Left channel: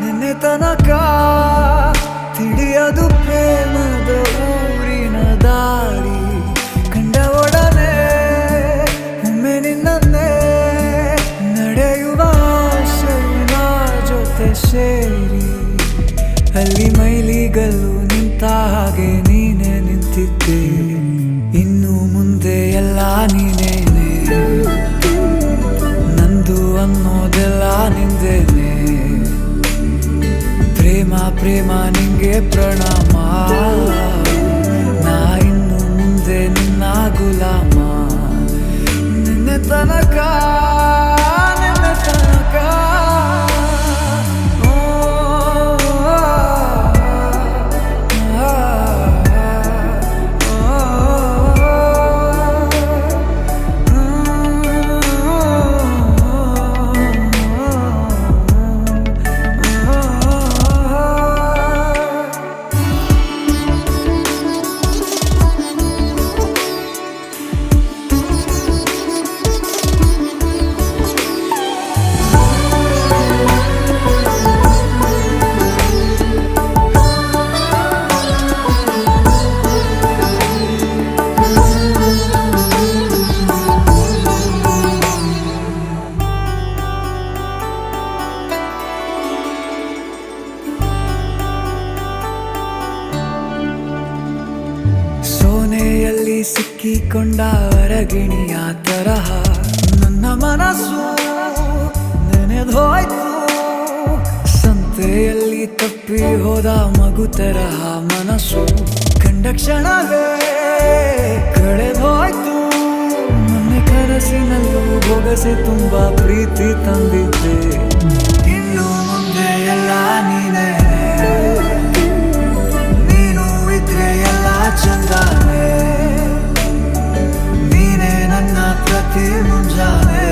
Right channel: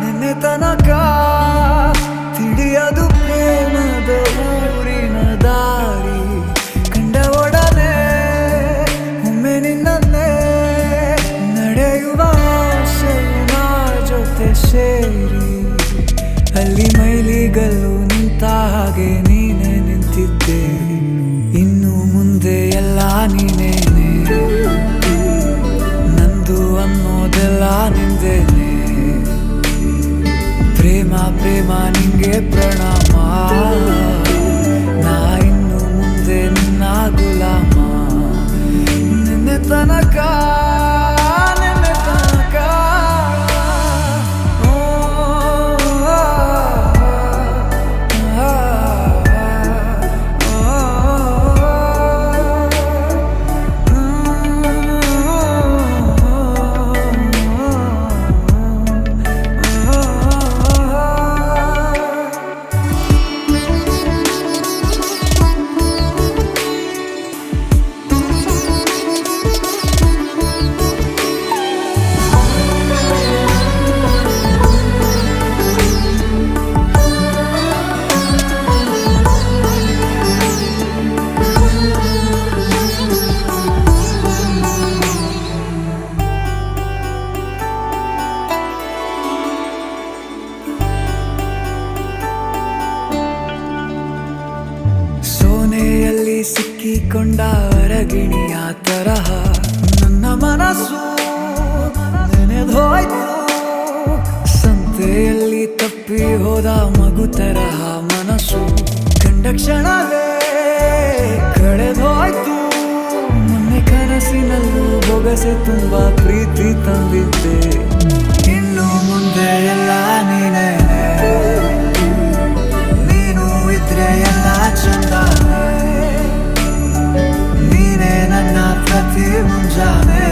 ನಿನ್ನೆ ತನಕ ತಿಳಿಯದು ಪ್ರೇಮದ ಊರಿನ ದಾರಿ ಕಂಡ ಒಡನೆ ಒಮ್ಮೆ ನಿನ್ನೇ ನಡೆಯುವ ಆಸೆಯ ಜೊತೆ ಸೇರಿ ಅಲ್ಲಿ ಮೈಲಿಗಲ್ಲು ನಿಂತ ಹಾಗೆ ನೀನೆ ನಿಂತಿದ್ದೆ. ಇನ್ನು ಮುಂದೆ ಎಲ್ಲ ನೀನೇನೆ, ನಂದು ಅನ್ನೋದೆಲ್ಲ ನಿಂದೇನೆ. ಪ್ರೇಮ ಪ್ರೇಮ ನಿಂಗೆ ಪ್ರಣಾಮ, ನಾ ಇನ್ನು ಮುಂದೆ ನಿನ್ನ ಗುಲಾಮ. ನಿನ್ನೆ ತನಕ ಸೋನೆಯಲ್ಲಿ ಸಿಕ್ಕಿಕೊಂಡ ಹೊರಗಿಣಿಯ ತರಹ ನನ್ನ ಮನಸ್ಸು ನೆನೆದೋಯ್ತು. ಸಂತೆಯಲ್ಲಿ ತಪ್ಪಿ ಹೋದ ಮಗು ತರಹ ಮನಸ್ಸು ಕಂಡ ಕ್ಷಣವೇ ಕಳೆದೋಯ್ತು. ಮೊನ್ನೆ ಕನಸಿನಲ್ಲೂ ಬೊಗಸೆ ತುಂಬಾ ಪ್ರೀತಿ ತಂದಿದ್ದೆ. ಇನ್ನು ಮುಂದೆ ಎಲ್ಲ ನೀನೇ, ನೀನು ಇದ್ರೆ ಎಲ್ಲ ಚಂದಾನೆ. ನೀನೇ ನನ್ನ ಪ್ರತಿ ಮುಂಜಾನೆ.